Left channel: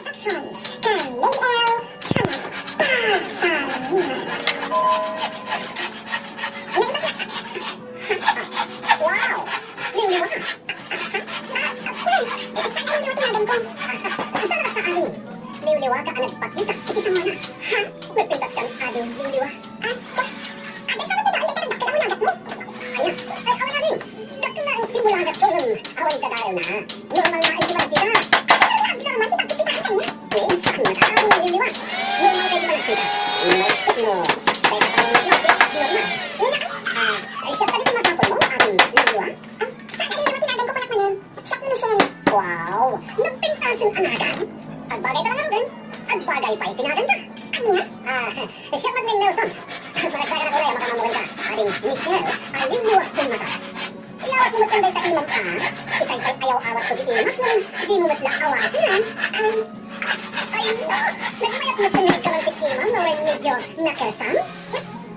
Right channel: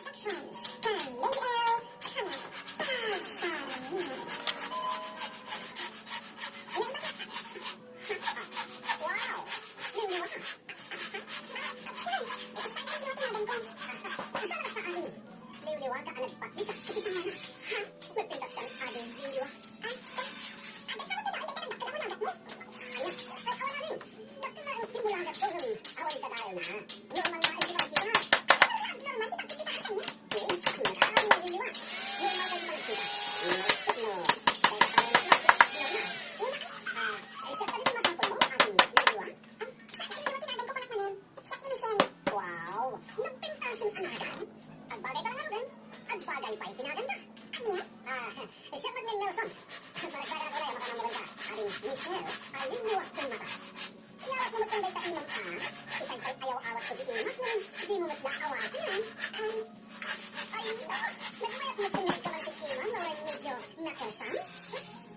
Actions kay Lael Channel Pagsalihan. Wow! Liwliwa ka! Saan ka yung tinagan ko? Saan ka ari? Liwliwa ka ang nagpakita. Ikita mo na. Ha? Nagpintas ka ng adi liwliwa. Ay, ate saan ka dahil ka nagdakil ang nagat mo? Ayan. Ay, awan na rin. Dakil na ang timulagat ko. Awan ka dahil na. Normal na ang timagkita. Hindi ka naman kita ka kanya. Oo, saan na ka ang liwliwa? Normal kayo ba nagkita? Naisip mo. Kaya ka pang normal. Ay, siya ka dito masapol mo, ating liwliwa. Saan ka yung tinagan ko palakmanin? Siya ni Michelle. Wow! Nagpintasan anagan. Agbagay ka lang rin. Agbagay pa'y tinagan ka. Anya? Siya Magning Nelson. Malagsagan ako na makamamugan ka. Ating Michelle ay liwliwa kong mata. Ilawat mo matkanday ka imam ka. Ikay pa'y ayaw-awat ko di imak nun. Di mo matla awatin. Ay no! Nagmayat mo tunay ka lang si imam na rin medyo nakasam.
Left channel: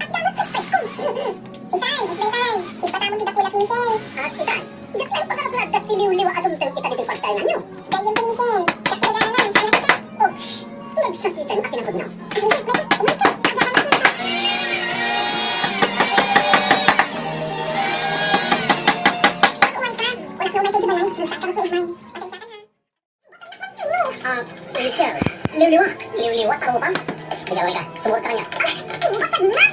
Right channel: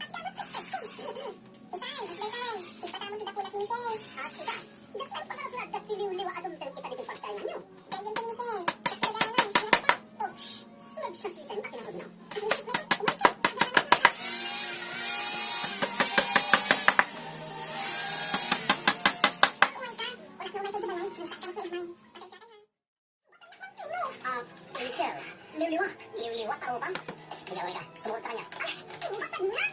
At damat ka spice ko. Isay, isay. Ipatamon kita kulak ni Michelle. At isay. Daklan pa karaplag at tiliw-liwa adumtang kita dito pagtayo na nyo. Gayang ko ni Michelle. Siya ka na sana kita. Ouch! Nagsakitan akin ang hudnaw. Michelle, kumay ka. Agyakan na kita. Kumay ka. Wala ka umay kayo balay. Nagsaktan ako imay. Pasensya ka na. Michelle. Liw-liwa. Liw-liwa, taro pa. Michelle, umay ka. Sumurot ka kanya. Timba ka na.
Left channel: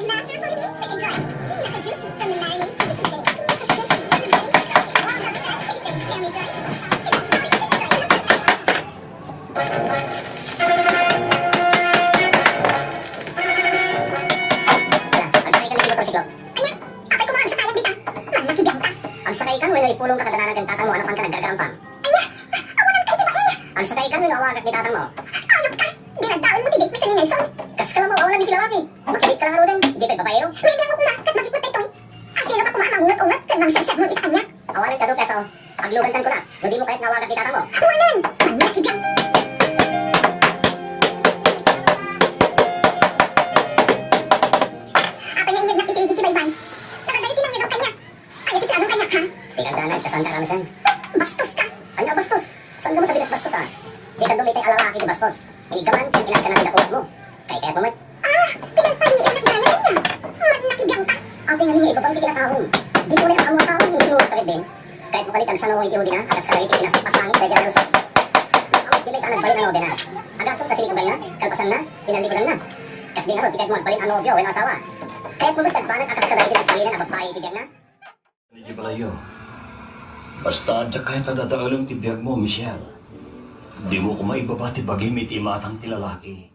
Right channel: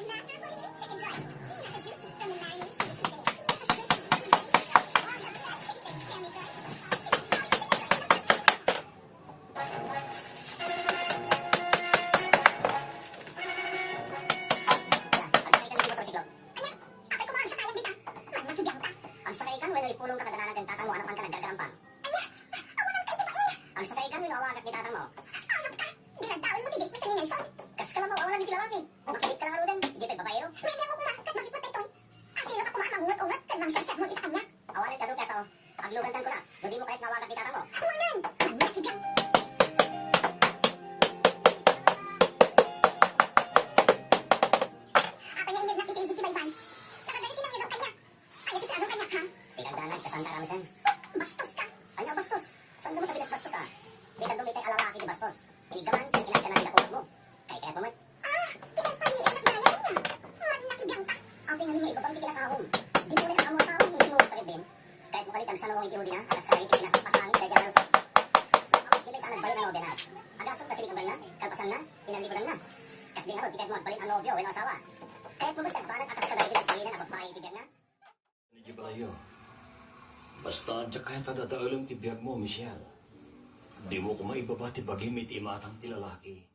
Master ko ini, second try. Di naka-juicy. Kami na rin. Agsakay ka, when ipulong ka kadananan kang tatang mo, anak ka naggargarampang. Anya, awan ang kaidibain. Agsakay ka, when awagat ni tatang mo. Ayop ka, dinagdaon mo didate mo ni Nelson. Kas ka lang mo, awan lang ni lalaki. Makilit ka lang arudan, ijipay babayero. Maybe ako kuma, kat magikot tayo. Asino ka kumaan mangungat-ungat, kat mangsasag mo itaan niya. Awan ang kadong kaso, aglugantan ko na, hindi mo kahit nawagat ni tatang mo. Awanan, manakibyak. Apa niya inyag nakikigit ni Baybay? Nakadali tinang yagaw kanya. Ayaw si planong kanya, ha? Ikagdanan, kasanda kami sen. Bastos ka? Anya bastos? Saan ka mo tabilas bastos, ha? Di ka dumitay alalaki di bastos. Inigaman, kung ilan ka na tinakulat mo. Kaya pumat. Pinagpaliin ang nagdaya niya. Magnakibyang ka. Ate nga niya, iba pang tikinatahong. Di mo na ang among tahong yung sinurot ka din. Kahit mo kalitan sa nung itihudi na, agas ka rin pinasipasangit dahil dyan nalusot. Ang di ba saan nagbalin ang nobya na? Agasong kasi ni na, kalpasan na, pinaliguran na. Kas di nga ron, di kahit mo magbalin ang nobya o ang asawa. Kahit mo magtagbanan, agas ka rin pinagpalinan ang babae itibiyag na. Hindi pala yun. Basta adya kahit nadadaalang tibiyag mo, Michelle. Di mo ko maibabati bagay may timatang tilalaki.